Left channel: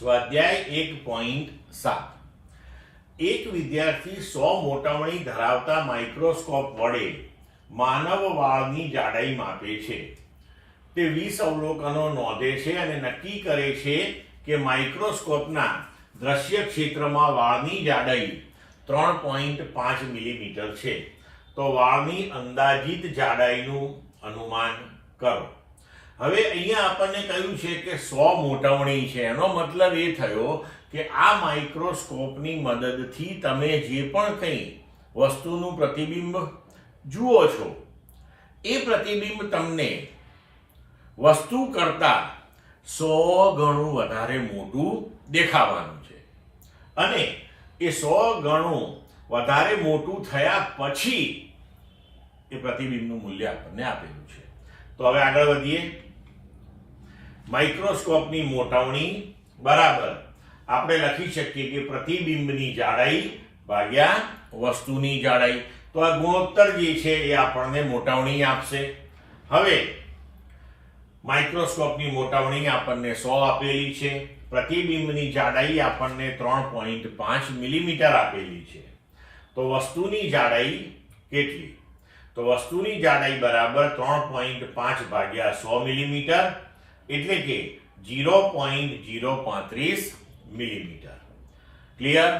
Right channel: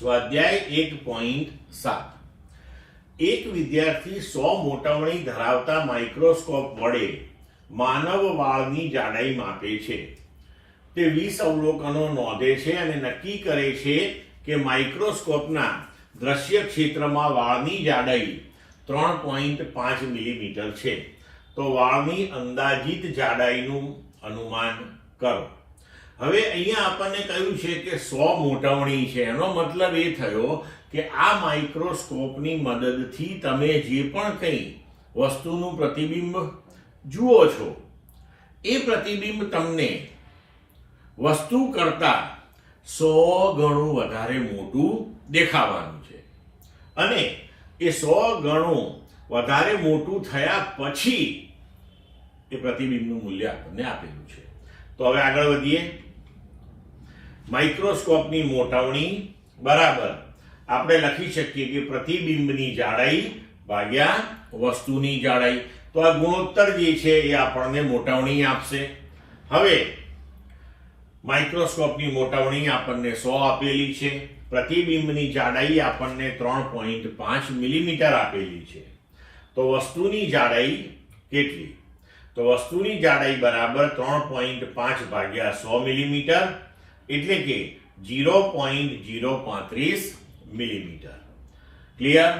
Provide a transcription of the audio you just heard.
સ્વાધ્યાય 1.7 એક વિદ્યાર્થી 100 મોટામણી ધરાવતા માઇક્રોસ્કોપ વડે માનવ વાળની જાડાઈ માપે છે. તે 20 અવલોકનો નોંધે છે અને નક્કી કરે છે કે માઇક્રોસ્કોપના દ્રશ્ય ક્ષેત્રમાં વાળની જાડાઈ 3.5 મિલીમીટર છે. તો વાળની અંદાજિત જાડાઈનું અનુમાન કરો. હવે અહીંયા આપણને કહ્યું છે કે 100 મોટામણી છે. એનો મતલબ એ થયો કે આ માઇક્રોસ્કોપની મદદથી તમે જે પણ કંઈ વસ્તુનું પ્રતિબિંબ જુઓ છો એ પ્રતિબિંબ તમને વસ્તુ કરતા 100 ગણું વધારે મોટું દેખાવાનું છે અને એ 100 ગણું વધારે મોટું થયા પછી એ પ્રતિબિંબનું મૂલ્ય આપણને આપેલું છે. તો હવે આગળ વધીએ. માઇક્રોસ્કોપની મોટામણી બરાબર આપણે લખી શકીએ કે પ્રતિબિંબની જાડાઈ ભાગ્યા વસ્તુની જાડાઈ. તો આ ગુણોત્તર જે છે એ આપણને મોટામણી આપશે. હવે માઇક્રોસ્કોપની મોટામણી આપણને 100 આપેલી છે, પ્રતિબિંબની જાડાઈ આપણને 3.5 મિલીમીટર આપેલી છે. તો વસ્તુની જાડાઈ કેટલી? તો વસ્તુની જાડાઈ બરાબર 3.5 ભાગ્યા 100 મિલીમીટર એટલે કે 0.035 મિલીમીટર. ક્લિયર?